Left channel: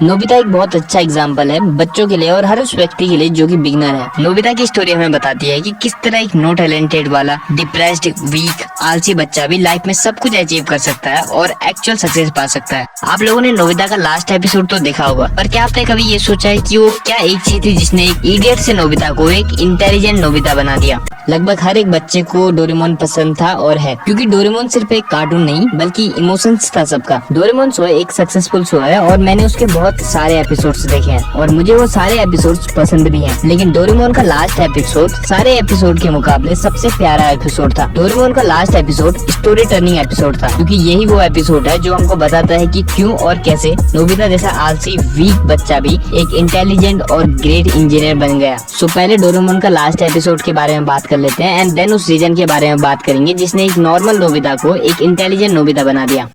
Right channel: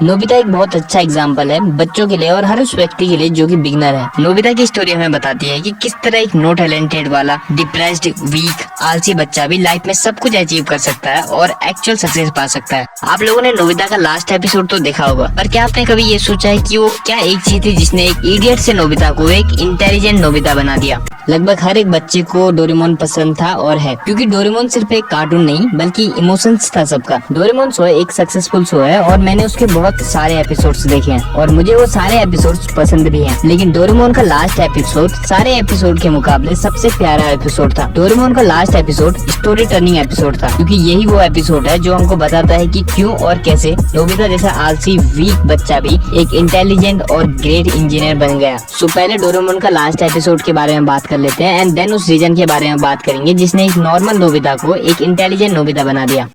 Nobita एक बहुत अच्छा एग्जाम्पल है बच्चों के लिए और हर उस व्यक्ति के लिए जो कि बिगनर है। नोबिता की स्टोरी हमें बताती है कि किस तरह एक नो टैलेंटेड वाला डिप्रेस्ड वीक आलसी बच्चा भी लाइफ में सब कुछ अचीव कर सकता है और एक्चुअल सक्सेस पा सकता है। आप लोगों ने नोबिता का लास्ट एपिसोड तो देखा होगा, पर क्या आपने कभी ये सोचा है कि वो क्या एक चीज थी जिसने एक इडियट से नोबिता को एक इंटेलिजेंट नोबिता बना दिया। लगभग हर एक बच्चे को डोरेमोन पसंद था और है, क्योंकि डोरेमोन सिर्फ एक कार्टून नहीं बल्कि इमोशंस था सबका। डोरेमोन शो एक सक्सेसफुल शो है और मैंने उसके बहुत सारे एपिसोड्स देखे हैं और मुझे वो सारे एपिसोड्स पसंद भी हैं। लेकिन डोरेमोन का लास्ट एपिसोड सारे एपिसोड के मुकाबले सबसे प्यारा एपिसोड था। डोरेमोन का last episode story turning episode था, क्योंकि यही वो एपिसोड है जो हमको बताता है कि क्यों और कैसे नोबिता जैसा आलसी वीक बच्चा भी एक इंटेलिजेंट और ग्रेट इंजीनियर बन गया। सो पहले डोरेमोन का लास्ट एपिसोड के बारे में बात कर लेते हैं एंड देन उस रीजन के बारे में बात करेंगे जिसने एक नॉर्मल नोबिता को एक इंटेलिजेंट नोबिता बना दिया।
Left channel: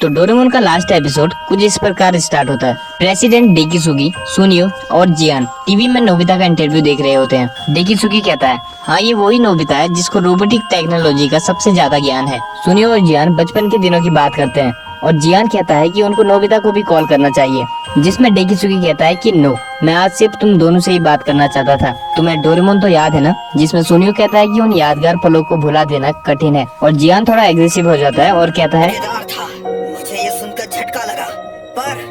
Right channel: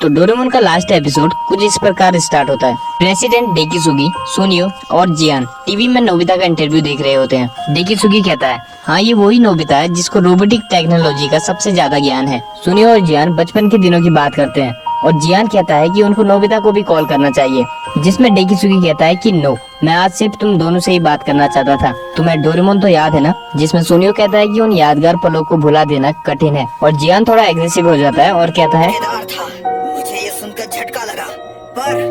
तो डोरेमोन का लास्ट एपिसोड कुछ इस प्रकार स्टार्ट होता है। प्रेसिडेंट डेकिसुगी, सुनियो और जियान टीवी में नोबिता का इंटरव्यू देख रहे होते हैं। डेकिसुगी कहता है, हाँ ये वही नोबिता है जिसको रोबोटिक टेक्नोलॉजी का सबसे ज्यादा ज्ञान है। सुनियो और जियान बचपन के दिनों की बात करते हैं और जियान कहता है कि उनको नोबिता को भी कॉल करना चाहिए, जिसमें डेकिसुगी कहता है कि नो, मैं आज सिर्फ तुम दोनों से ही बात करना चाहता था। तुम्हें डोरेमोन तो याद है ना? जिसमें सुनियो कहता है कि उन यादगार पलों को भुला देना कठिन है और जियान थोड़ा एग्रेसिव हो जाता है और कहता है, मुझे ये सुनकर झटका लगा, पर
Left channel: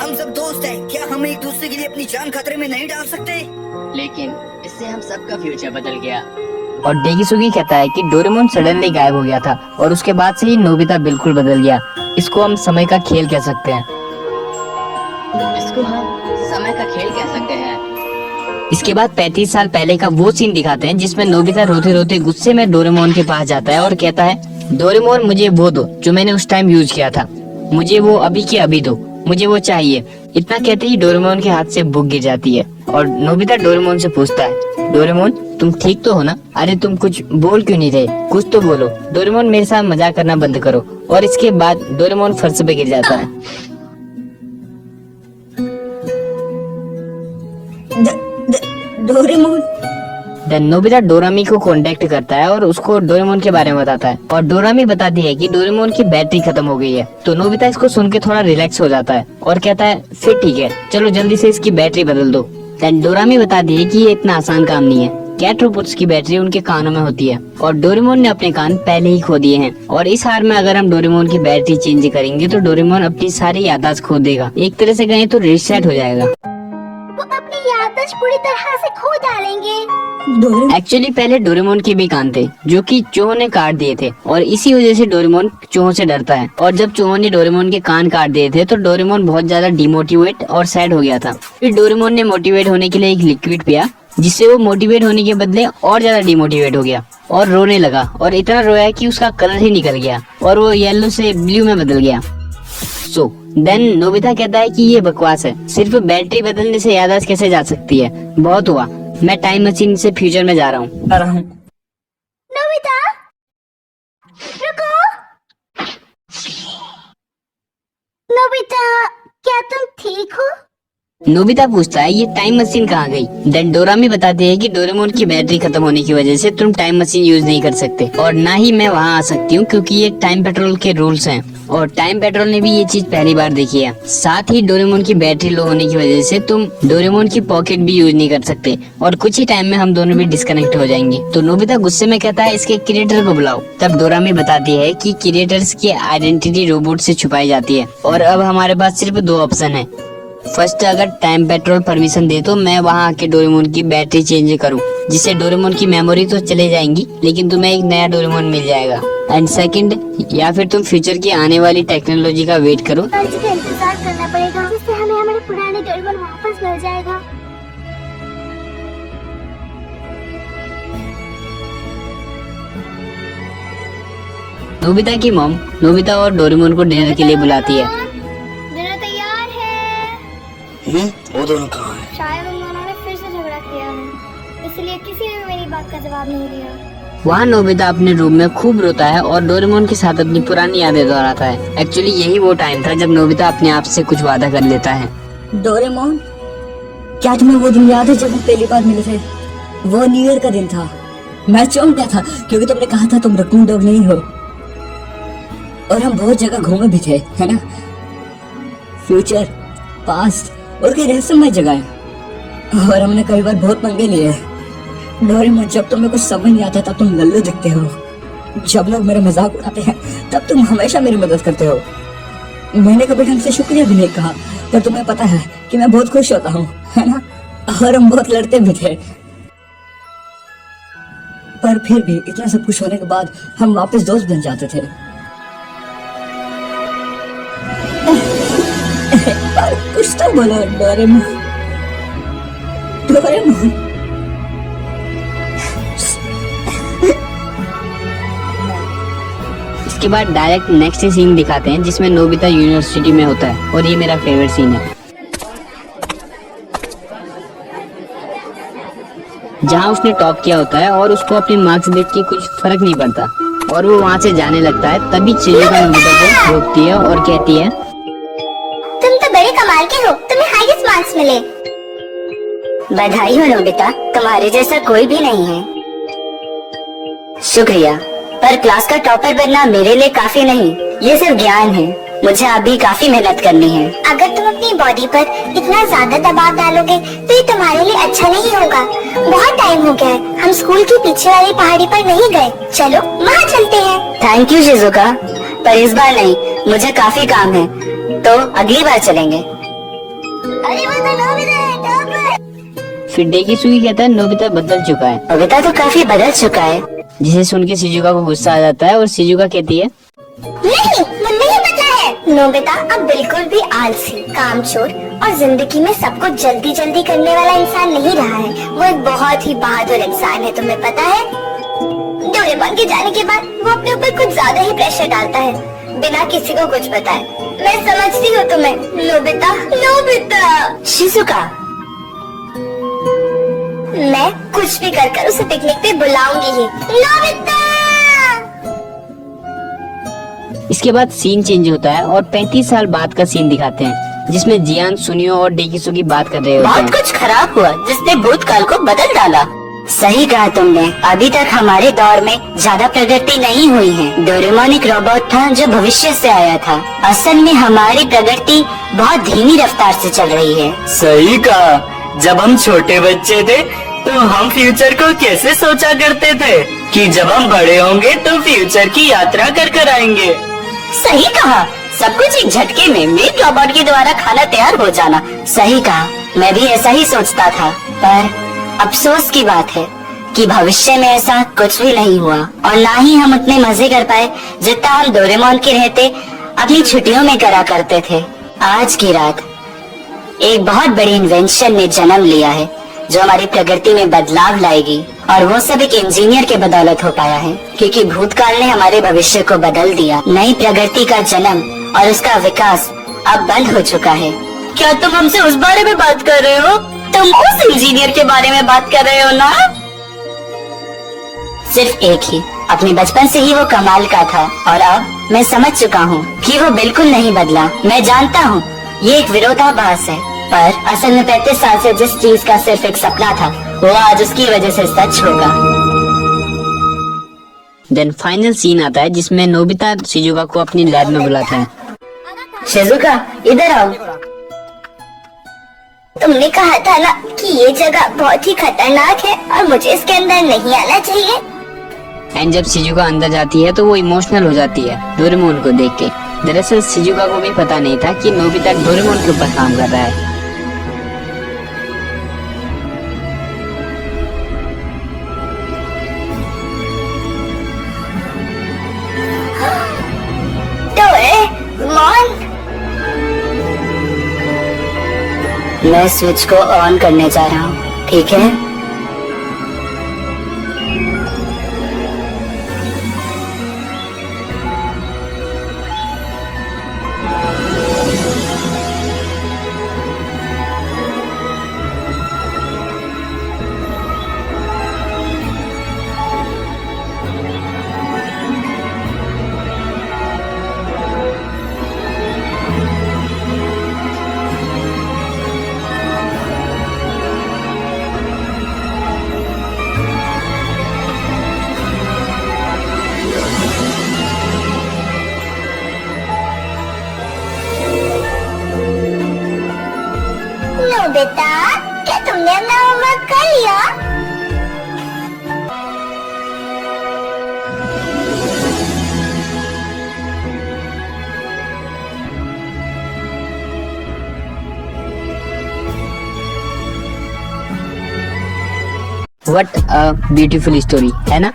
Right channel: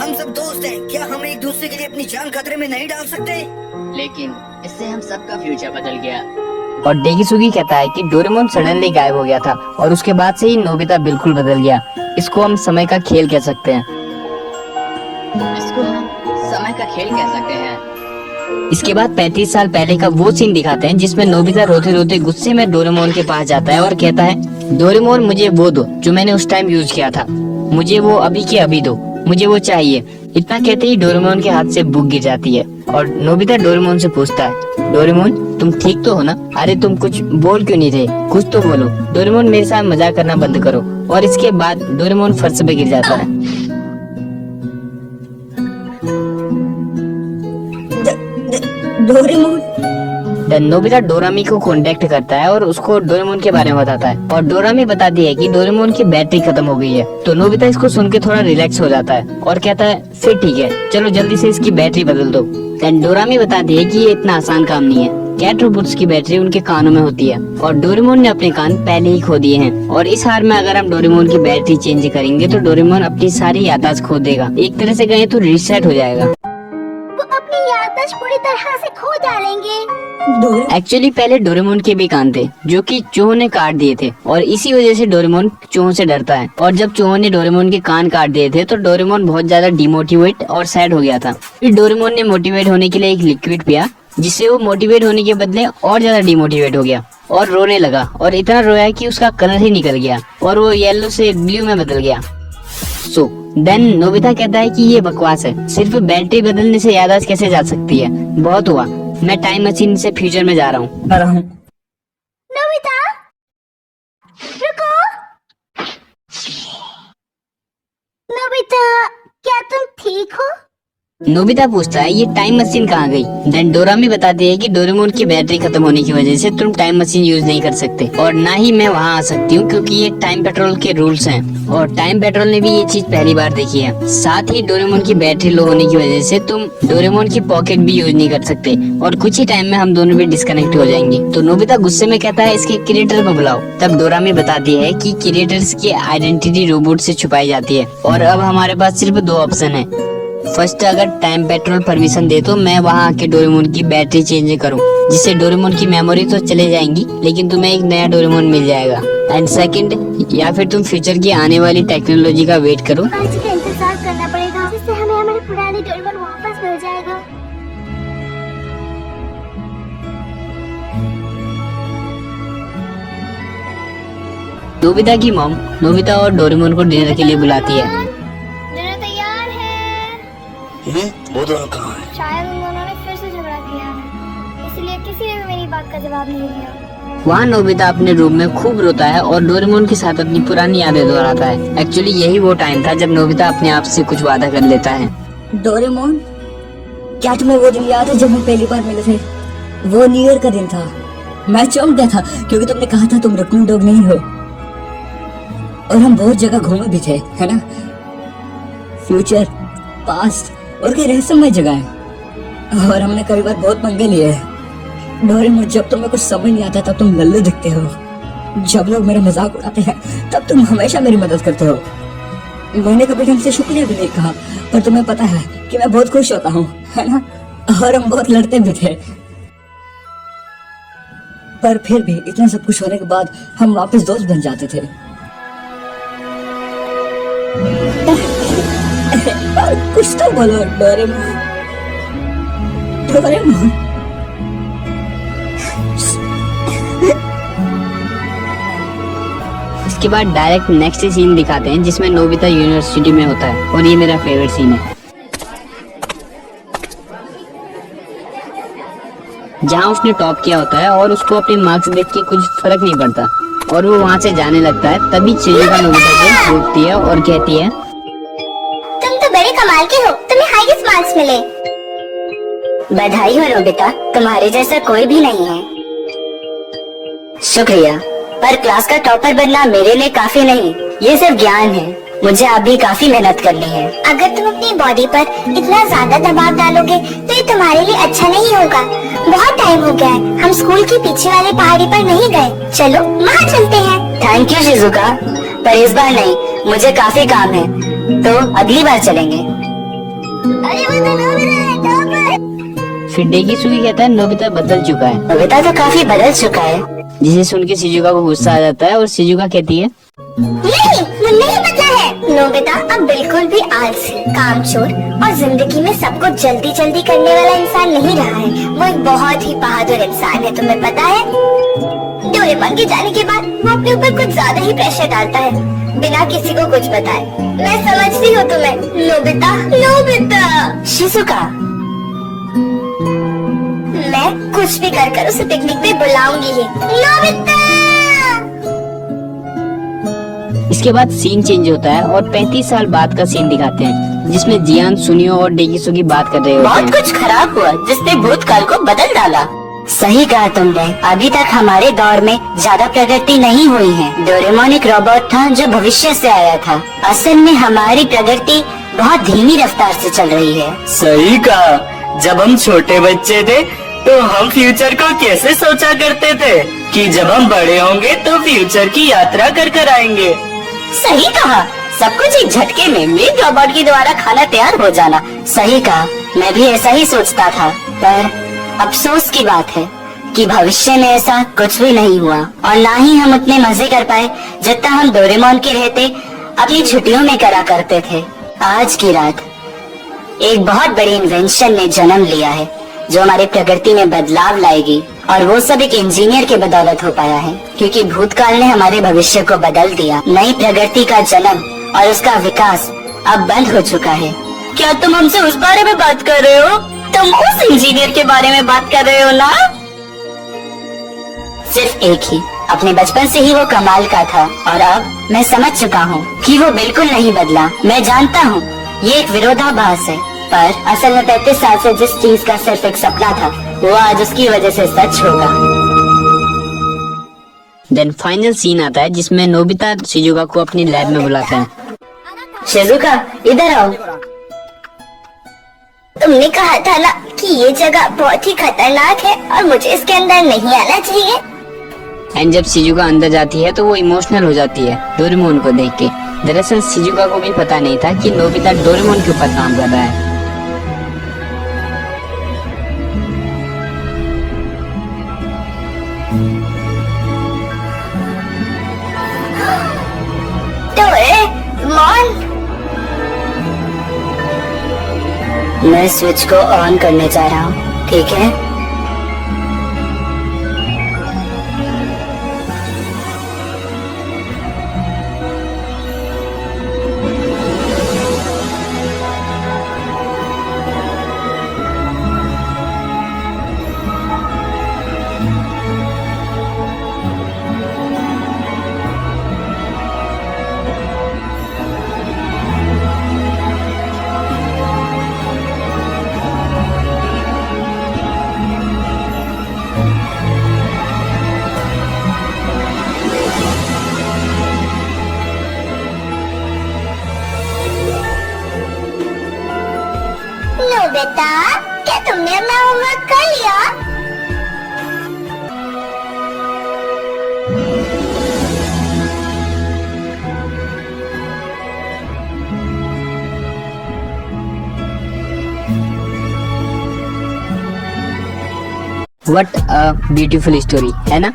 हम सब दोस्त हैं, क्या हम एक दूसरे के लिए अपनी जान खतरे में नहीं डाल सकते? लेकिन इससे हम सबका फ्यूचर बदल गया। और डेकिसुगी कहता है कि डोरेमोन सडनली गायब हो गया था और उसके बाद से ही नोबिता बिल्कुल बदल गया। इसको हम समय का खेल कह सकते हैं। इसके बाद 35 साल पहले का वो सीन दिखाते हैं जिसमें नोबिता रोते रोते गुस्से में डोरेमोन के पास जाता है और कहता है, डोरेमोन मुझे वो दो जो मैंने उस टाइम यूज किया था, मुझे वो अभी के अभी दो, मुझे वो चाहिए। इतना कहते ही डोरेमोन के हाथ से बुक गिर जाती है और नोबिता डोरेमोन से पूछता है, डोरेमोन तुम ठीक तो हो ना? अरे तुम कुछ बोल क्यों नहीं रहे, कुछ तो बोलो। डोरेमोन मेरे साथ मजाक करना बंद करो। और इसके बाद डोरेमोन फर्श पे गिर जाता है। डोरेमोन। नोबिता डोरामी को कांटेक्ट करता है और उसको डोरेमोन के बारे में बताता है और डोरामी बताती है कि डोरेमोन की बैटरी खत्म हो गई है। तो नोबिता इसको सुन के थोड़ा रिलैक्स हो जाता है और कहता है, फिर ठीक है, चलो जल्दी से इसकी बैटरी बदल दो। डोरामी बताती है कि ये इतना आसान काम नहीं है। कैट रोबोट्स की बैटरी उनके कानों में होती है और डोरेमोन ने अपने कान पहले ही खो दिए हैं और इस हार में अगर हम डोरेमोन की बैटरी चेंज करेंगे तो डोरेमोन अपनी सारी याददाश्त खो देगा। एक तरह से कहें तो रीसेट हो जाएगा। वो अपनी याददाश्त पूरी तरह से खो डालेंगे। एक्चुअली पहले डोरेमोन के भी कान थे जो कि चूहों ने काट दिए थे और इसी वजह से डोरेमोन चूहों से डरता है। और जब चूहों ने डोरेमोन के कान काट दिए थे तो डोरेमोन बहुत ज्यादा डिमोटिवेट और सैड हो गया था। फिर डोरेमोन ने मोटिवेट होने के लिए एक लिक्विड पिया, जिससे वो मोटिवेट होने के बदले और ज्यादा डिमोटिवेट हो गया और रोने लगा और इतना रोया कि उसका कलर ही निकल गया और वो येलो से ब्लू में बदल गया। सो देन नोबिता कहता है कि ये बकवास है, सिर्फ बैटरी बदलने से याददाश्त कैसे जा सकती है, बहुत हुआ, मैं टाइम मशीन से फ्यूचर में जा रहा हूँ। नोबिता, रुको। नोबिता, क्या तुम ठीक हो? नोबिता पूछता है, ये टाइम मशीन कहाँ गई? देन डोरामी बताते हैं कि डोरेमोन की बैटरी खत्म होने की वजह से तुम टाइम मशीन यूज नहीं कर सकते और ना ही मैं वहाँ आ सकती हूँ, क्योंकि ये टाइम पेट्रोल के रूल्स हैं और टाइम पेट्रोल ने भी ये चीज पहली बार देखी है। साथ ही डोरेमोन की बैटरी लो होने की वजह से तुम डोरेमोन की पॉकेट भी यूज नहीं कर सकते और कुछ ही टाइम में हम दोनों भी डिस्कनेक्ट हो जाएंगे। तो नोबिता गुस्से में कहता है, इसके क्रिएटर को बुलाओ। तब डोरामी बताती है कि क्रिएटर्स की आइडेंटिटी रोबोट से छुपाई जाती है और अब हमारे पास सिर्फ दो ऑप्शन है। फर्स्ट, अगर टाइम पेट्रोल परमिशन दे तो मैं वहाँ आके डोरेमोन की बैटरी चेंज करूँ, जिससे डोरेमोन की मेमोरी तो चले जाएंगी लेकिन तुम्हें एक नया डोरेमोन मिल जाएगा। एंड सेकंड, या फिर तुम फ्यूचर की आने वाली टेक्नोलॉजी का वेट करो, इसका इंतजार करना पड़ेगा, जिससे हमें हमारे पुराने डोरेमोन वापस मिल जाएगा। नोबिता की मॉम नोबिता और डोरेमोन को डिनर के लिए बुलाती है। डिनर तैयार है। वो दोनों कहाँ हैं? शायद उन दोनों ने फिर से झगड़ा किया, इसलिए किसी ने भी मेरी बात का जवाब नहीं दिया। वहाँ नोबिता अपने रूम में खूब रोता है और डोरेमोन के साथ अपनी पुरानी यादें दोहराता है। एक्चुअली यही वो टाइम था जब नोबिता अपने आप से कुछ वादा कर लेता है। डोरेमोन, क्या तुम्हें वो दिन याद है जब हम पहली बार मिले थे? वो न्यू ईयर का दिन था। मैं चौंक गया था क्योंकि तुमने कहा था तुम रकून डॉग नहीं हो और हम बहुत जगह घूमे भी थे, है ना? फ्यूचर पास्ट और कई रहस्यमय जगह है। और हमने कई बार बहुत पंगे लिए हैं। डोरेमोन, जब तुम्हें कुछ समझ नहीं आता तब तुम लल्लू दिखते हो, जब लोग मेरा मजाक उड़ाते हैं तब तुम हमेशा मेरी मदद करते हो। मैंने कभी ढंग से शुक्रिया भी नहीं कहा, पर तुम्हें पता है कि मैं बहुत खुश होता हूँ, है ना? और हम बहुत लड़ते भी थे, पर फिर भी इतना सब कुछ होने के बाद हम वापस दोस्त बन जाते थे। और कुछ तो बोलो डोरेमोन। डोरेमोन, इसके बाद डायरेक्ट नेक्स्ट सीन दिखाते हैं जिसमें नोबिता यूनिवर्सिटी में होता है, और ये मेरा फेवरेट सीन है, जहाँ उसने टॉप किया होता है और उसको अपनी मार्क्स देख के कुछ फर्क नहीं पड़ता और वो वहाँ से जाने लगता है। तभी चिजुका नोबिता को रोकती है और कहती है, तुम तो बड़े कमाल के हो, तुम्हें हाईएस्ट मार्क्स मिले। बधाई हो नोबिता, तुम्हारे जैसा कोई भी नहीं है। शुक्रिया, पर क्लास का टॉपर बनना मेरे लिए काफी नहीं, ये सिर्फ ज्ञान है। मुझे अभी काफी मेहनत करनी है। अगर तुम अपनी बॉडी पर इतना ज्यादा दबाव डालोगे तो ये तुम्हारे लिए अच्छा नहीं होगा। बहुत टाइम हो गया है, हम स्कूल के पीछे वाले पहाड़ी पर नहीं गए, चलो वहाँ चलते हैं। थैंक यू शिजुका, पर इस बार नहीं, मुझे काफी काम है, तो अगली बार चलेंगे। अरे वो तो नोबिता है, टॉपर। फिर डेकिसुगी कहता है नोबिता बदल चुका है। नोबिता तो काफी बदल चुका है। जिसे सुन के शिजुका को गुस्सा आ जाता है और शिजुका कहती है, नहीं, वो नहीं बदला है। नोबिता अब बिल्कुल भी आलसी, कामचोर और जिंदगी में सब कुछ जल्दी जल्दी करने वाला इंसान नहीं रहा है। वो एक बहुत ही बहादुर इंसान है, तुम्हें पता है? डोरेमोन के जाने के बाद वो अपने ऊपर कुछ ज्यादा ही प्रेशर डालता है, बिना किसी को कुछ बताए। मैं समझती हूँ तुम्हें नोबिता। नोबिता, शिजुका, मैं कुछ भी कर उसे पिकनिक पे बुलाऊंगी ही। नोबिता! इसके बाद सीन चेंज होता है और 35 साल बाद का सीन दिखाते हैं जिसमें जियान, सुनियो और डेकिसुगी बात कर रहे होते बहुत हैं। कुछ खराब हुआ जिसने भूतकाल को बदल डाला। सही कहा तुमने, अभी तक हमारे दौर में ज्यादा प्रगति नहीं हुई है। डोरेमोन एक रोबोट था जो भविष्य से आया था। असल में हमारी प्रगति बहुत धीमी रफ्तार से चल रही है। सही कहा, जब हम छोटे बच्चे थे तो हम फ्यूचर को कैसे सोचा करते थे कि जब हम बड़े होंगे तो फ्यूचर की यात्रा कर कर आएंगे। सही कहा, सब कुछ एक झटके में मेन रोबोट के द्वारा खाना तैयार हो जाना। सही कहा, मैं भी ऐसा ही सोचता था, पर अफसोस की बात है कि भविष्य में ऐसा कुछ भी नहीं हुआ और ना ही हम उतने मजे कर पाए जितना हम डोरेमोन के रहते अपनी छुट्टियों में करा करते थे। आज की रात एक बहुत बड़ी इन्वेंशन ने जन्म लिया है जो हमारी प्रगति में बदलाव लाएगी, और वो सब एक इंजीनियर की बदौलत हो पाया है, क्योंकि भूतकाल ने हमारे भविष्य को बदल दिया। नई प्रगति का जन्म और उसका विकास अब बंद हो चुका है। क्या तुम हमसे उस बारे में बात कर रहे हो? तुम उस इंजीनियर के बारे में बात कर रहे हो ना? सिर्फ एक ही, अपने बचपन से ही वो कमाल का था और अब मैं समझ चुका हूँ कि वो बिल्कुल नहीं बदला। मैं जानता हूँ ये एक विरोधाभास है, पर असल में 35 साल से जिस चीज का सिर्फ एक सपना था वो आज उसकी वजह से सच होगा। देन फाइनल सीन आता है जिसमें नोबिता शिजुका को अपनी लैब में बुलाता है। शिजुका, इधर आओ। तुमने कहा था ना कि ये जगह बहुत ही खतरनाक है और मुझे इसके अंदर नहीं आना चाहिए। एंड जब शिजुका अंदर जाती है तो वो इमोशनल हो जाती है डोरेमोन को देख के। दरअसल शिजुका को भी पता नहीं था कि नोबिता डोरेमोन के ऊपर काम कर रहा है। डोरेमोन, मैं स्विच को ऑन करने जा रहा हूँ, ठीक है? नोबिता, क्या तुमने अपना होमवर्क कर लिया? व्हाट अ ब्यूटीफुल स्टोरी, है ना?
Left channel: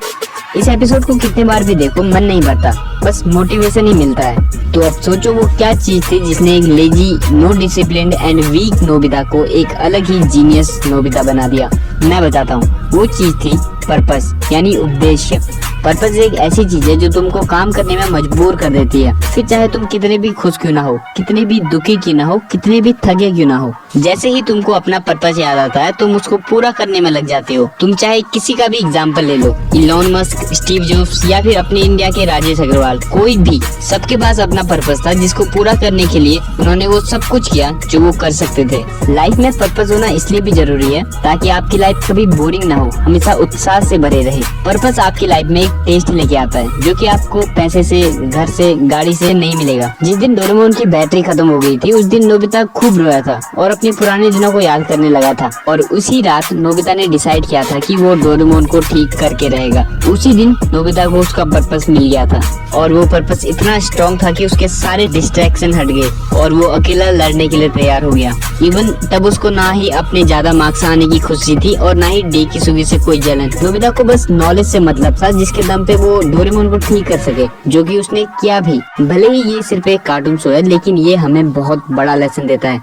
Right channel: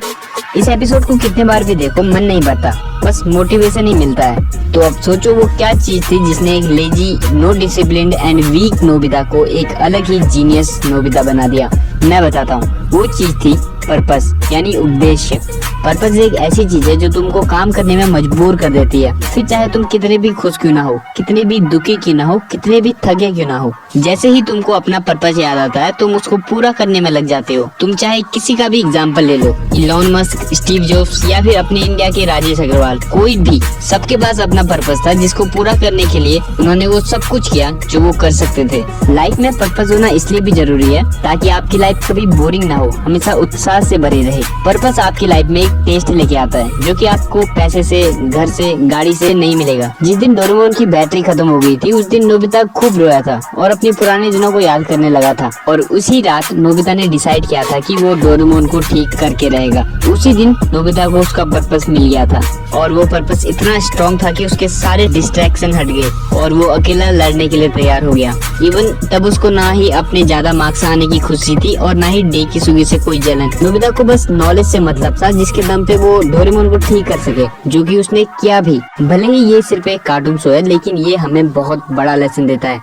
इस एपिसोड को कितने बार भी देखो मन नहीं भरता, बस मोटिवेशन ही मिलता है। तो अब सोचो वो क्या चीज थी जिसने एक lazy, no disciplined and weak Nobita को एक अलग ही जीनियस नोबिता बना दिया। मैं बताता हूँ, वो चीज थी पर्पस, यानी उद्देश्य। पर्पस एक ऐसी चीज है जो तुमको काम करने में मजबूर कर देती है, फिर चाहे तुम कितने भी खुश क्यों ना हो, कितने भी दुखी क्यों ना हो, कितने भी थके क्यों ना हो। जैसे ही तुमको अपना पर्पस याद आता है तुम उसको पूरा करने में लग जाते हो। तुम चाहे किसी का भी एग्जाम्पल ले लो, इलॉन मस्क, स्टीव जॉब्स या फिर अपने इंडिया के राजेश अग्रवाल, कोई भी, सबके पास अपना पर्पस था जिसको पूरा करने के लिए उन्होंने वो सब कुछ किया जो वो कर सकते थे। लाइफ में पर्पस होना इसलिए भी जरूरी है ताकि आपकी लाइफ कभी बोरिंग ना हो, हमेशा उत्साह से भरे रहे। पर्पस आपकी लाइफ में एक टेस्ट लेके आता है जो कि आपको पैसे से, घर से, गाड़ी से नहीं मिलेगा। जिस दिन डोरेमोन की बैटरी खत्म हो गई थी उस दिन नोबिता खूब रोया था और अपने पुराने दिनों को याद करने लगा था। और उसी रात नोबिता ने डिसाइड किया था कि वो डोरेमोन को ठीक करके रहेगा। उसी दिन नोबिता को उसका पर्पस मिल गया था और वो पर्पस इतना स्ट्रॉन्ग था कि उसके सारे डिस्ट्रैक्शन हट गए और वो अकेला लड़ने के लिए तैयार हो गया। इवन तब उसको ना ही अपने ज्यादा मार्क्स आने की खुशी थी और ना ही डे की सुबह से कोई जलन। नोबिता को बस नॉलेज से मतलब था जिसके दम पे वो डोरेमोन को ठीक कर सके, जो कि उसने किया भी। भले ही ये सिर्फ एक कार्टून शो है लेकिन ये हमें बहुत बड़ा लेसन देता है।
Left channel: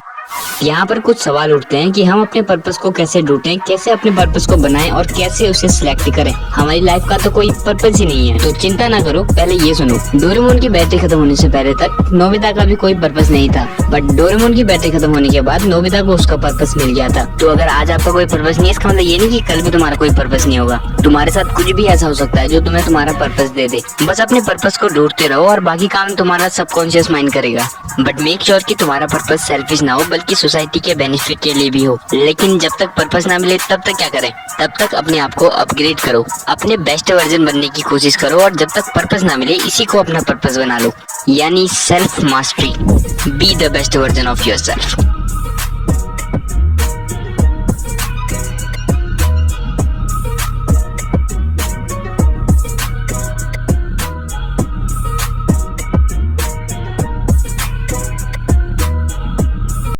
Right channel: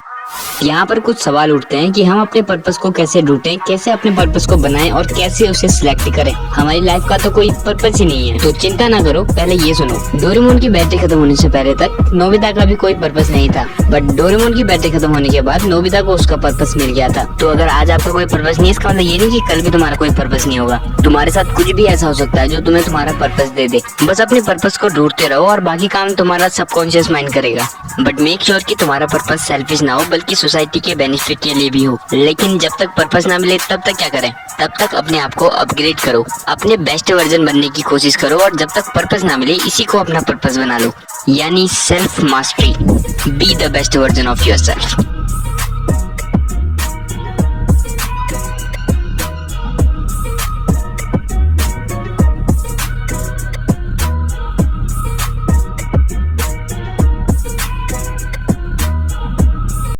यहाँ पर कुछ सवाल उठते हैं कि हम अपने पर्पस को कैसे ढूंढें, कैसे अपने पर्पस को बनाएं और कैसे उसे सिलेक्ट करें। हमारी लाइफ का तो कोई पर्पस ही नहीं है, तो चिंता ना करो, पहले ये सुनो। डोरेमोन की बैटरी खत्म होने से पहले तक नोबिता का भी कोई पर्पस नहीं था, बट डोरेमोन की बैटरी खत्म होने के बाद नोबिता को उसका पर्पस मिल गया था। तो अगर आज आपका कोई पर्पस नहीं है, इसका मतलब ये नहीं कि कल भी तुम्हारा कोई पर्पस नहीं होगा। तुम्हारे साथ कुछ भी ऐसा हो सकता है जो तुम्हें तुम्हारा पर्पस दे दे। बस अपने पर्पस को ढूंढते रहो और बाकी काम तुम्हारा सबकॉन्शियस माइंड करेगा। बट मेक श्योर कि तुम्हारा पर्पस सेल्फिश ना हो बल्कि सोसाइटी के बेनिफिट के लिए भी हो। लेकिन जब तक पर्पस ना मिले तब तक क्या करें? तब तक अपने आप को अपग्रेड करो, अपने बेस्ट वर्जन बनने की कोशिश करो और जब तक पर्पस ना मिले इसी को अपना पर्पस बना लो, यानी self mastery. Be the best version of yourself.